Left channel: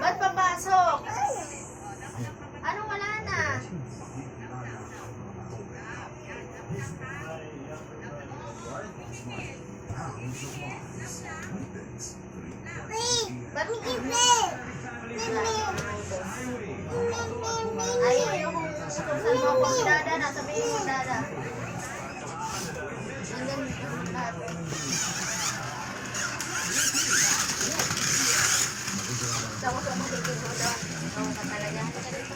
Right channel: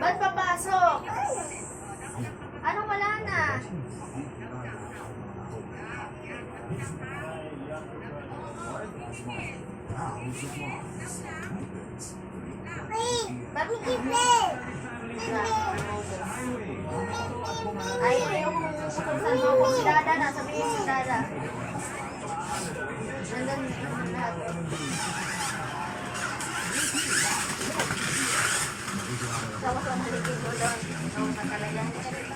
Ba't papasok? Anong wala na? Ba't may kipin? Ay, ayoko kung utusan mo ako. Si Dada na, sabihin si Dada. Nandun lahat. Ako sa maligid ko doon. Ako ka talaga. Ako ka dito.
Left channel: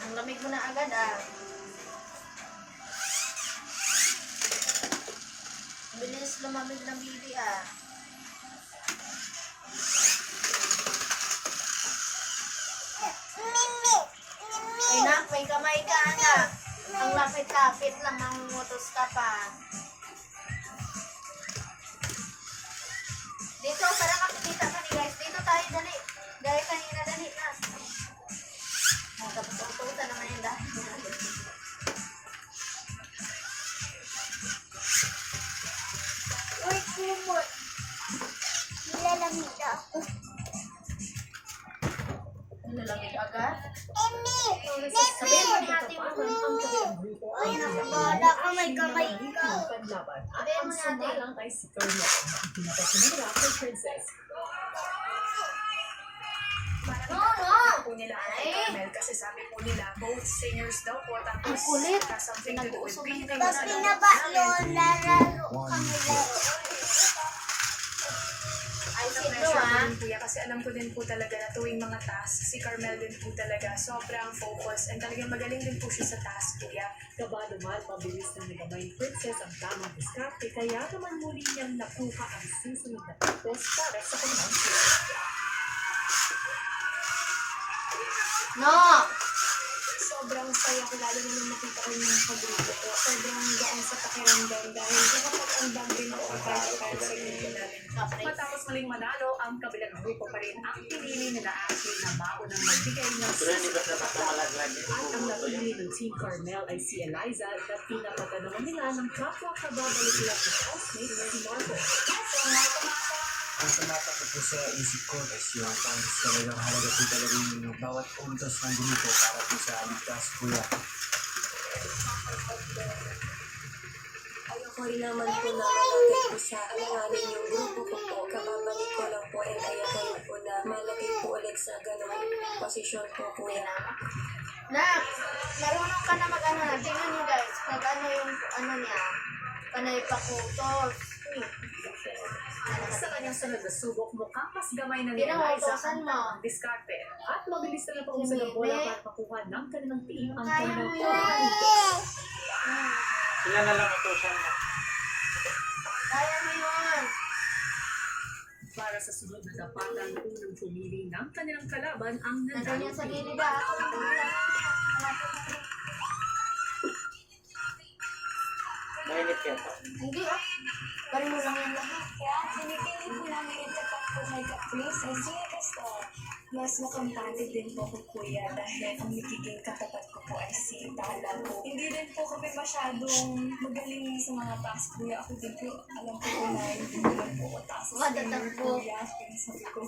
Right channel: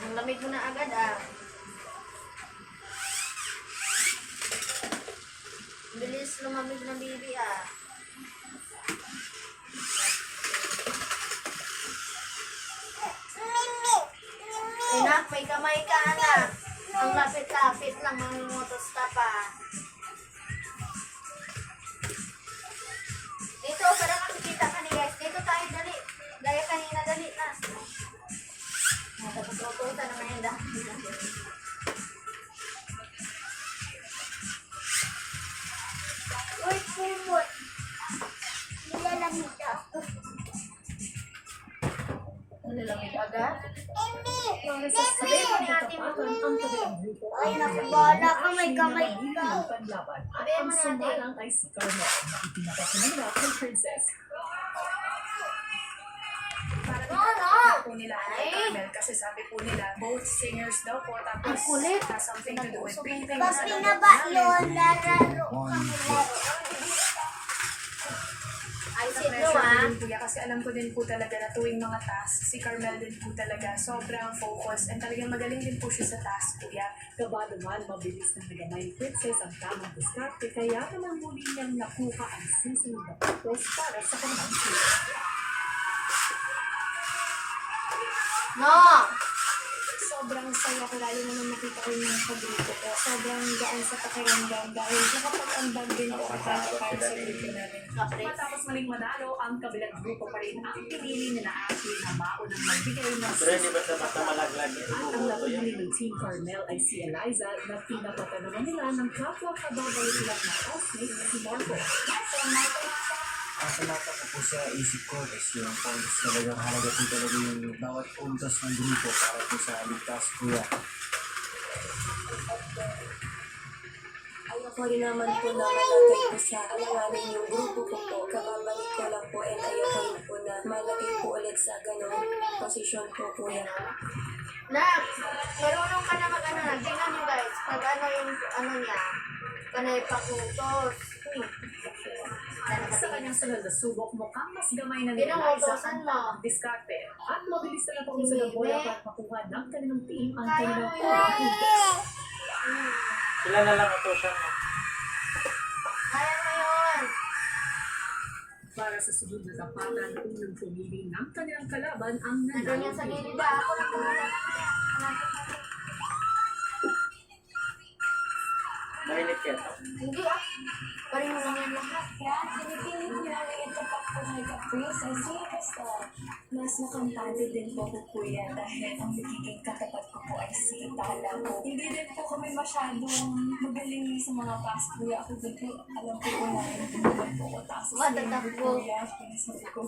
Ang lamig mo na agad ah. Bilis lumamig ng bibi ah. Anak, may kamay ka anak. Ang lapit-lapit lang, mangungutos ka pa. Dito, para makikita ka ni guys. Dito tayo, dali. Gaya kanina, dali na. Tapos utusan naman yung dahil. Uy, kumot. Nilalamig ako. Nilalamig agad? Emi! Sabihin mo ni ate mo. Ay, nakabala ka, may kamay ka. Sabihin mo ni ate. Po nila kay Carmel kasi sabi po nila both singers daw po tapos Ang kulit. something to do with being Pag pinaba yun, lararo kami laro. Ay, sa sino pressure ah? din kuya kasi alam ko din po talaga na tuwing mga task si Carmel din po talaga sobrang focus and talagang magaling din po siya sa task kuya. Kabado man, mabilis na nagamay princess ang tamang diskarte kaya naman muli niyang nakuha ang susunod na tapos para sa kanyang show. No! Sobrang saya ko lalo na nung nakita ko yung pag-grupo ko. Sobrang gaan sa pakiramdam dahil nakapag-ambag din po ang para sa grupo namin. Matapos maling manalo, ang kabilang grupo pa rin ang pinili nila Ashley na maunang magbigay ng Pero hindi ba sa basta malaglag at ang napili ng Team Carmel ay si Eliza na pinapatan naman nila ng kapwa kababalik-lag na housemate na si Marco. ang tumata ko po sa isip ko is yung points talagang mahalaga po talaga yung bawat puntos ng grupo para po sa ligtas kuya. Ayoko rin naman po na malagay po sa alanganin yung grupo ko po. Kababalik ko lang po and ayoko rin po na malagay po ulit sa ganong posisyon po kuya. Nak, marunong ka na mag-ano na. Tingnan nyo guys, pag ano yung ano niya, panay pakutos. Sa kanyang sunod na subok, mukhang mas gamay na ni Eliza Pinautosan mo. ang diskarte at mabilis na napakusa ng bola para makuha ng kanilang team ang Kaya kanilang mo yun. pagkakas. Sila na lang utusan mo. Kaya mo yun. Para sa sunod na tapatan, unang pumili ng kanilang kalaban ang Nandun yung sa team. gilid ah. Ako lang muna. Mainit kaya to. Hindi ah. Parin mo lang yan lahat. Kaya kinikilig namin itapak po kay Caprice kasi mas makampante din po ko kuya dahil ang nagiging katapat ko po ay si Tala po. Hindi din po kami masyadong magaling sa mga task kuya. Ako din po alam po kung narin po po ko task. Matatakbo. Kuya, sabi ko,